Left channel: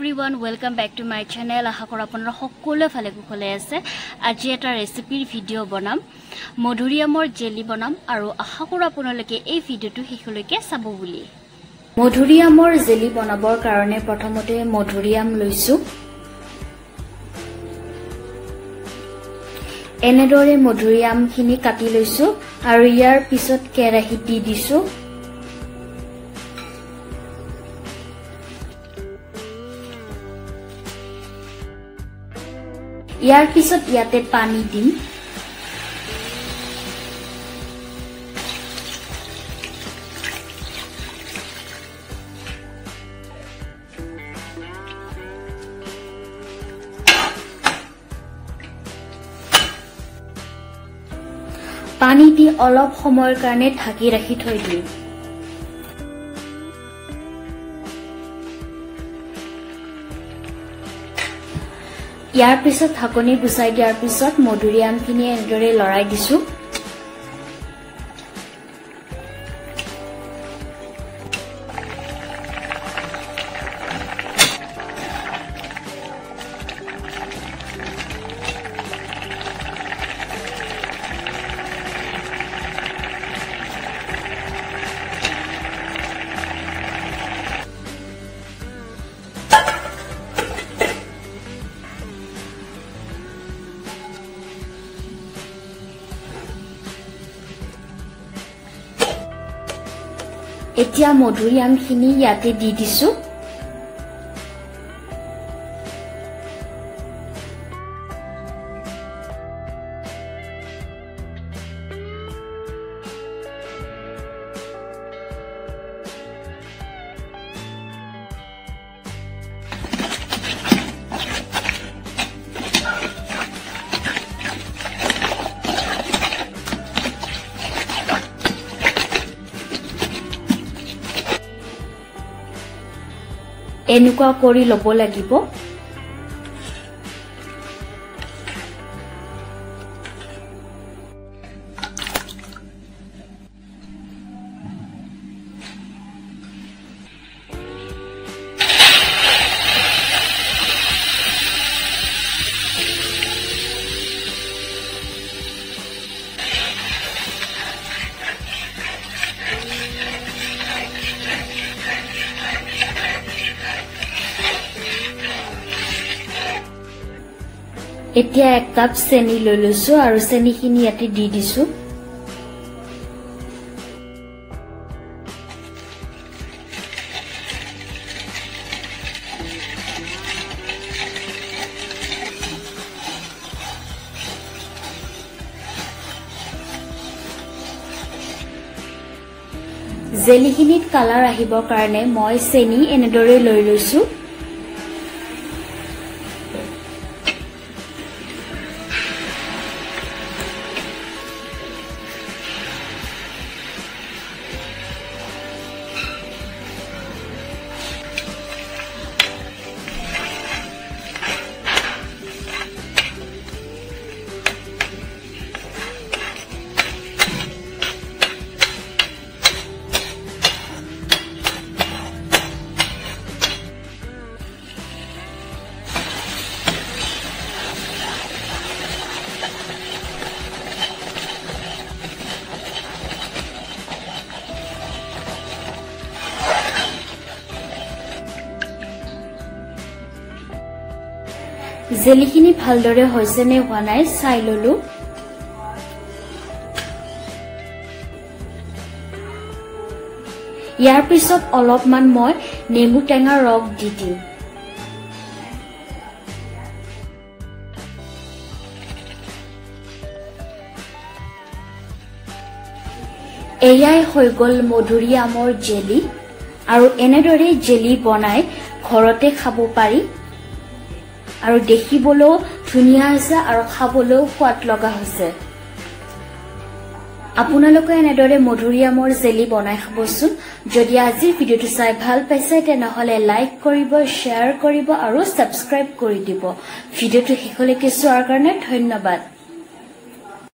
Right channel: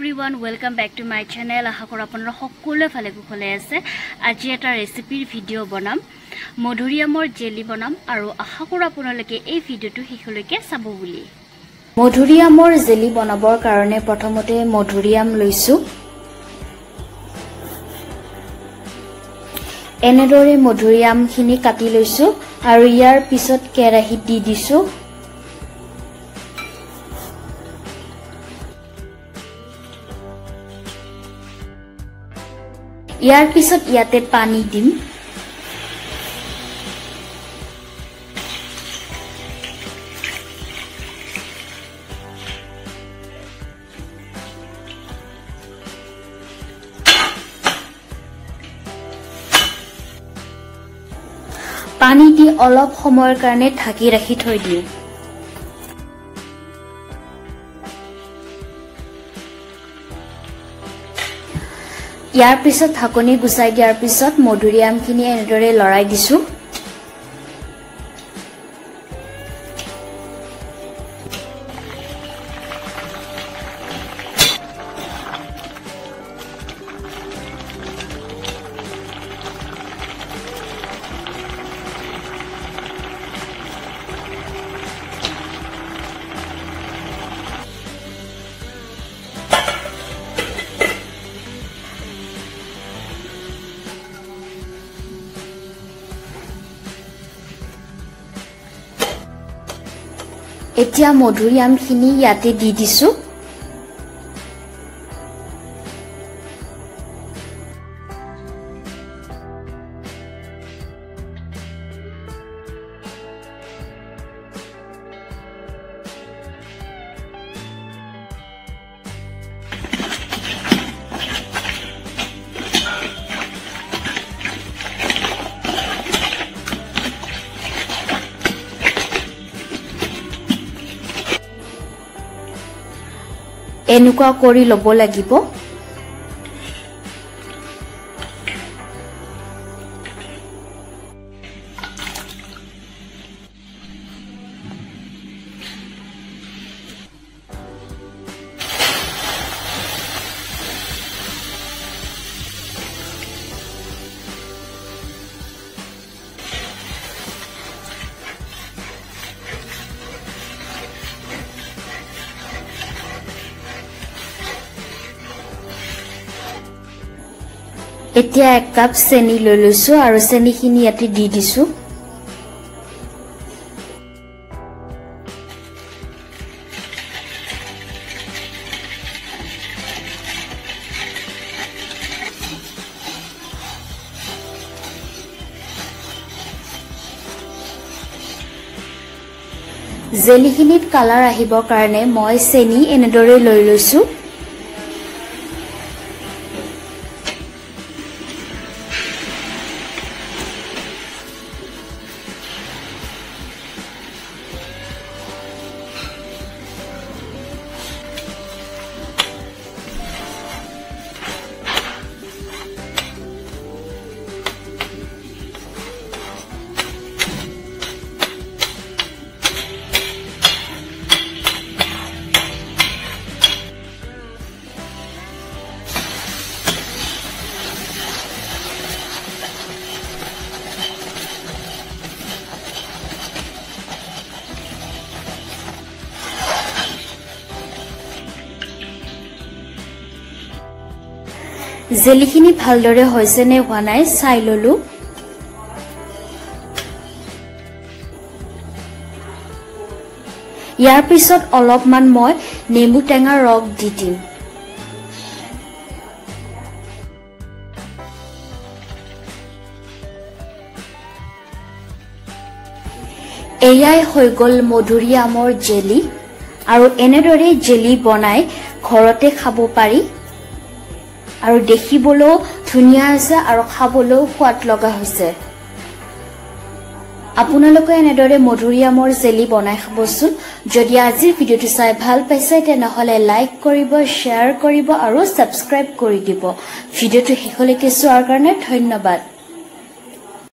everyone, welcome back to my channel. আশা কৰো আপোনালোক সকলোৱে ভালে কুশলে আছে। আজি এটা ৰেচিপিৰ ভিডিও বনাম। মধুৰিআমৰ জেলি বনাম আৰু আশা কৰো আপোনালোকে এই ভিডিওটো শেষলৈকে চাব বুলি। মধুৰিআমৰ জেলি বনাবৰ কাৰণে প্ৰথমতে মধুৰিআম লৈছো। এনেদৰে মধুৰিআমখিনি কাটি লৈছো আৰু ইয়াৰ পিছত কেৰাহীত দি দিছো। ইয়াৰ পিছত ইয়াতে পানী দিম। পানী দি অলপ সময়ৰ কাৰণে ঢাকি ৰাখি থৈ দিম। ইয়াৰ পিছত ঢাকনি গুচাই দিয়াৰ পিছত মধুৰিআমখিনি এনেদৰে লৰাই দিছো। এতিয়া মধুৰিআমখিনি ইয়াতে দি দিছো। এনেকুৱা কৰি ল'ব লাগিব। এতিয়া 1 কাপ চেনি লৈ লৈছো আৰু চেনিখিনি ইয়াতে দি দিছো। জেলিখিনিত কালাৰ আহিবৰ কাৰণে মই চেনি এনেদৰে লৈ লৈছো। জেলিখিনি ভালদৰে হৈছে নে হোৱা নাই চাই ললো। ইয়াৰ পিছত অলপমান মই নেমু টেঙা ৰস দি দিম। এয়াই হৈ গ'ল মধুৰিআমৰ জেলি আৰু এনেদৰে জেলি বনাই ঘৰতে খাব পাৰি আৰু দেখিবলৈও ধুনীয়া হৈছে আৰু খাবলৈও সোৱাদ লগা হৈছে। আপোনালোকে এনেদৰে মধুৰিআমৰ জেলি বনাই খাবচোন। যদি আজিৰ ভিডিওটো চাই ভাল পাইছে তেনেহলে লাইক কৰিব, শ্বেয়াৰ কৰিব আৰু সাবস্ক্ৰাইব কৰি দিব। ভিডিওটো শেষলৈকে চোৱাৰ কাৰণে ধন্যবাদ।